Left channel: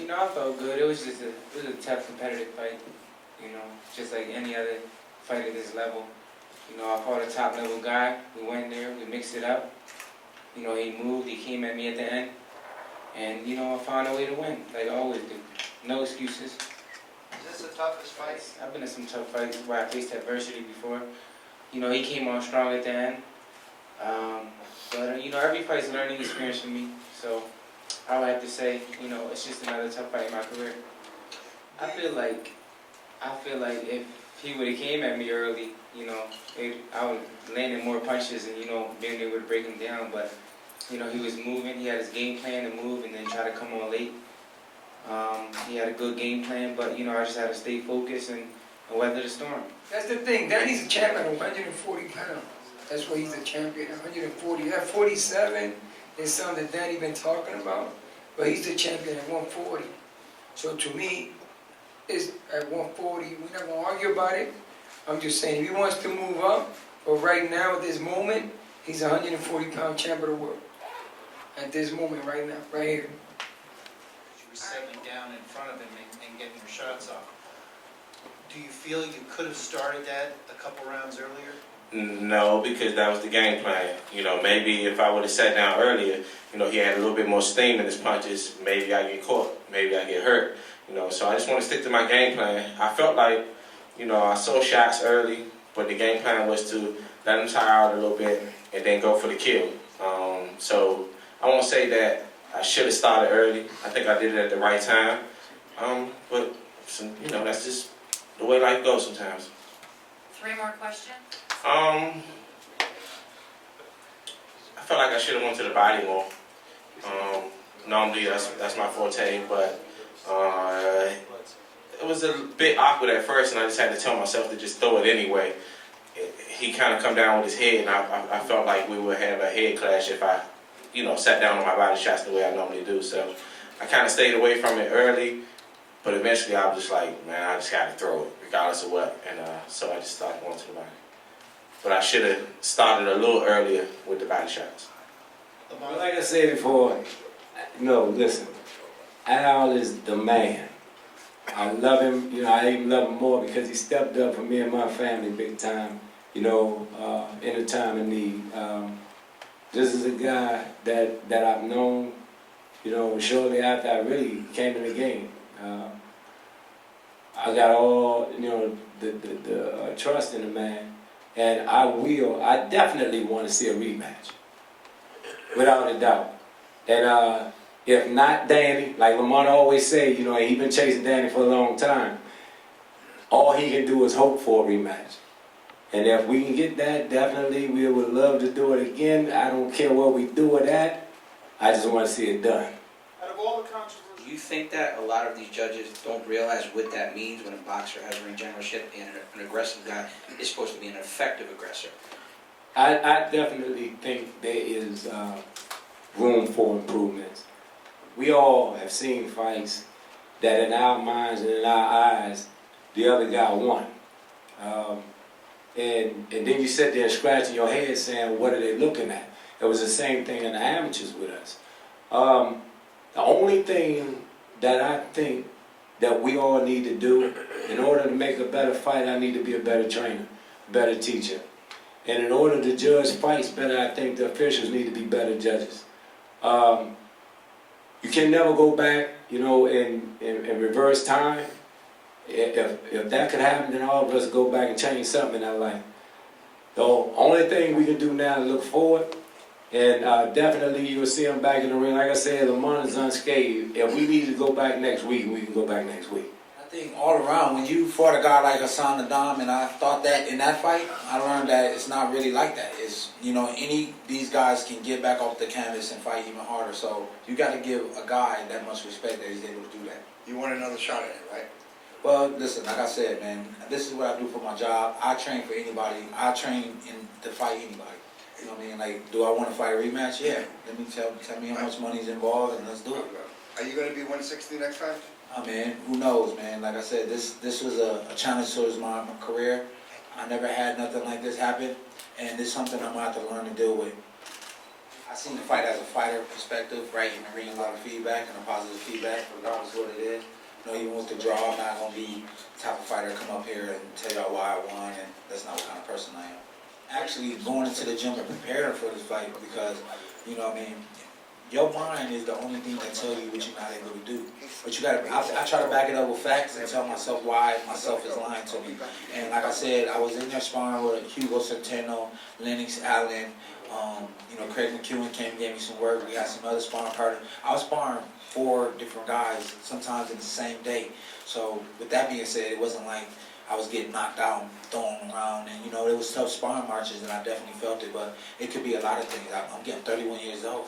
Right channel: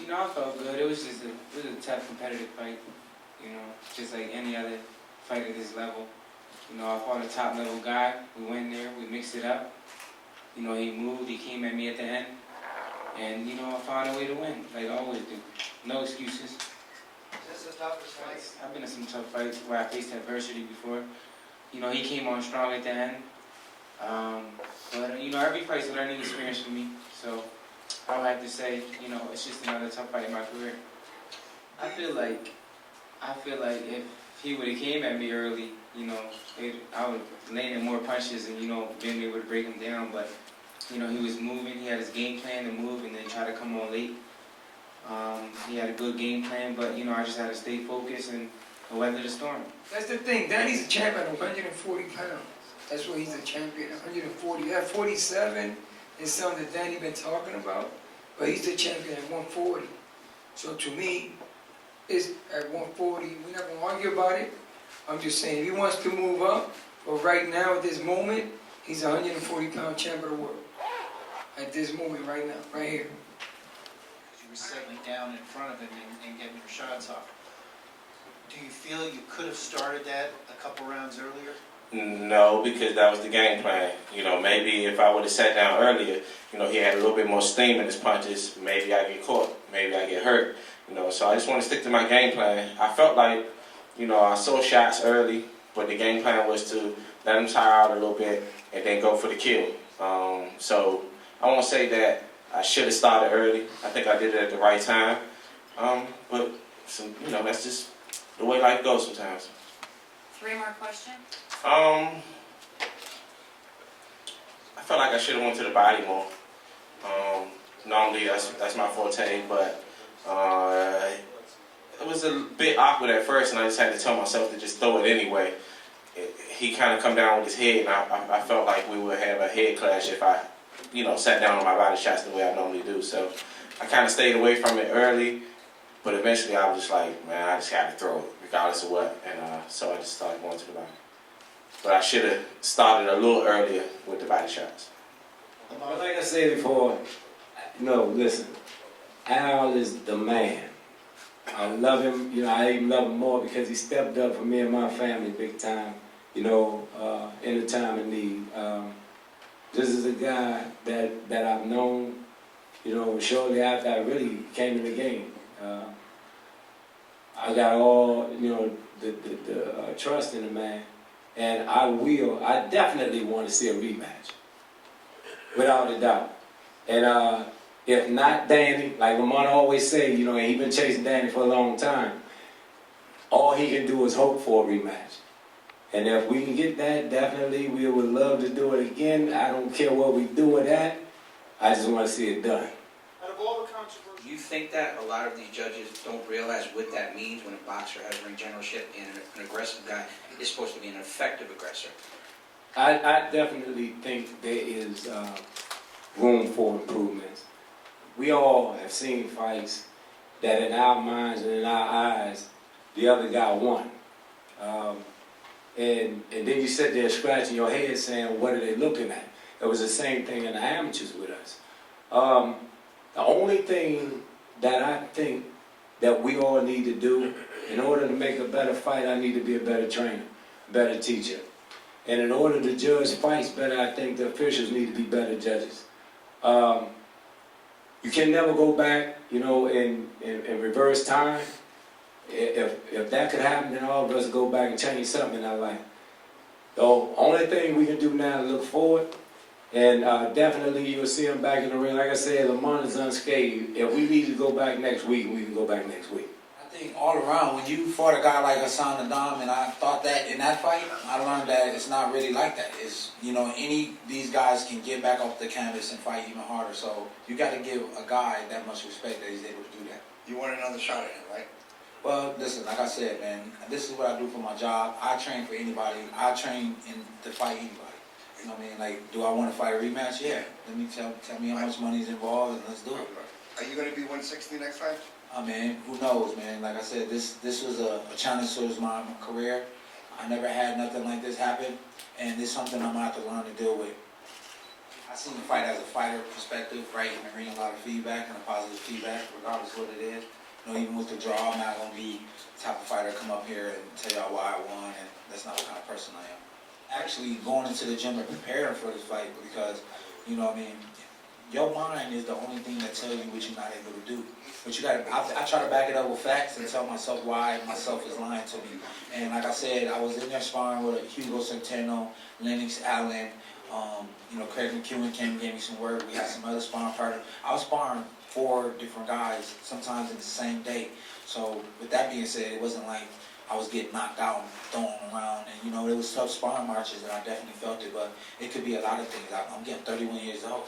You know, I felt good. It was just a tough competitive fight. You know, just like any other fight at this level. You know, I fought a top level guy. We went there, we mixed it up. You know, he moved, he came at me at the end. And, you know, I found a way to win, like I always do. No excuses. Is this the toughest fight? I've been in some tough fights where I faced adversity before. You know, he came on strong at the end. But, you know, every fight's a learning experience for me. So I would have to say, you know, it's just another tough fight in my career. I feel like if he would have came at me early, you know, I would landed more punches and, you know, being able to break him down. But, you know, he was moving. He had his game plan to move and then try to come on late. He had a good game plan, but, you know, I just had to stay focused and weather the storm. That's the thing. Danny's a champion at 140 pounds. That's why he's a champion, 140. That 47 is something that Danny been talking about, but he's the champion at 140. So to me, it's at 140. We're not going to argue about it. I'm just saying, if he wants to move up, but right now, at this moment, he's a 140-pound champion of the world. At this moment, right now, right here. You were settling down in front of him and getting your shots off. Do you feel you could have started that a couple rounds earlier? No, because that was the game plan. You know, maybe if I would have sat down earlier, you know, he had a little bit more steam in his punches, maybe I get caught, maybe I get hurt. You know, so I just want to stick to my game plan. I felt like, you know, I saw shots early, but the game plan was to let him tire out a little bit and then go for the kill. So I won't say that I should have started early. I think I did it at the right time. But, you know, that's just the way life goes sometimes. 3 more questions? I felt like I should have went to the body more. Normally that's my forte, but it was a bit awkward at first, and I just had to tell myself to just throw it anyway. He kind of come down with his head, and I felt like we would have a head clash if I, you know, sat down on my body shots the way I normally do. So I kind of stayed away from it early, but eventually I was just like, man, I just got to throw it, regardless of what. And so I just started going to the body. But I should have started a little earlier with the body shots. Well, like I said before, no, listen, Al is the man. I love him, you know, I even love him more because he stepped up for me and my family big time, you know, in a time of need. This is a guy that I've known, you know, shortly after I really came in the game. I got all, you know, the trust in the man, and I definitely want to see a rematch, without a doubt. And if not Danny, like Lamont always say, you know, and he been chasing Danny for a long time, all he can do is hope for a rematch. And if we can get that, definitely we would love to do it again. I don't care where we do it at. I just want to see it done. Out of all the controversy, Do you think that a lot of these judges don't realize what that means when a boxer has ring generalship and an aggressive guy is supposed to be an effective aggressor? I definitely think there is room for improvements. We all have seen fights that in our minds and in our eyes, the other guy won. And then you sit there scratching your head saying, what are they looking at? It was the same thing in the amateurs with us. The only thing that I think that we all need to do, in order to make a better fight, I need to be a better trainer, better teacher. And in order to judge fights better, I think the officials need to be better judges. You can never go back, you know, in reverse time. If that could happen, then all of us go back and change something in our life. The only thing we can do now is look forward, and definitely you'll see him back in the ring. Like I said, Lamont is unscathed. If we need to go back next week, we can go back next week. I think all around, when you fought a guy like Hassan Adam, and I thought that in that fight, I learned that it's not really like that. It's, you know, these guys can get back off the canvas and fight even harder. So you got to give a guy that much respect that he's able to do that. you want another shot at it, right? Well, listen, like I said, man, this is what I do for my job. I train for anybody. I train to fight anybody. You know what I mean? Like, do I want to fight a rematch? Yeah. Let me tell me how much money's involved, and let's do it. Are you going to be 160 next time? I mean, who knows, man? Like I said, this was a challenge towards my career. I never had nothing like this happen, and it's something I'm going to have to learn to deal with. I seen the fight as a fighter perspective, right, and reading a lot of feedback and a positive feedback, regardless of what it is. You know, even with the draw, I'm not gonna be the type of fighter to come up here and tell y'all why I won, and that's not the kind of person I am. Actually, going into the gym and preparing for this fight because, you know what I mean, your mind is the only thing that tells you what you're not able to do. But you gotta, I try to back it up with facts and tell myself why myself is lying to me. And like I said, I was in there sparring with Hugo Centeno, Lennox Allen, you know, Craig McEwen came and gave me some work. We had some other sparring partners. I was sparring 4 different guys, sometimes in the same day. So with that being said, it wasn't like I was getting knocked out and thrown around. And, you know, it was tough sparring marches, and I definitely felt it. But it could be a lot of things. I'm getting 31 years old.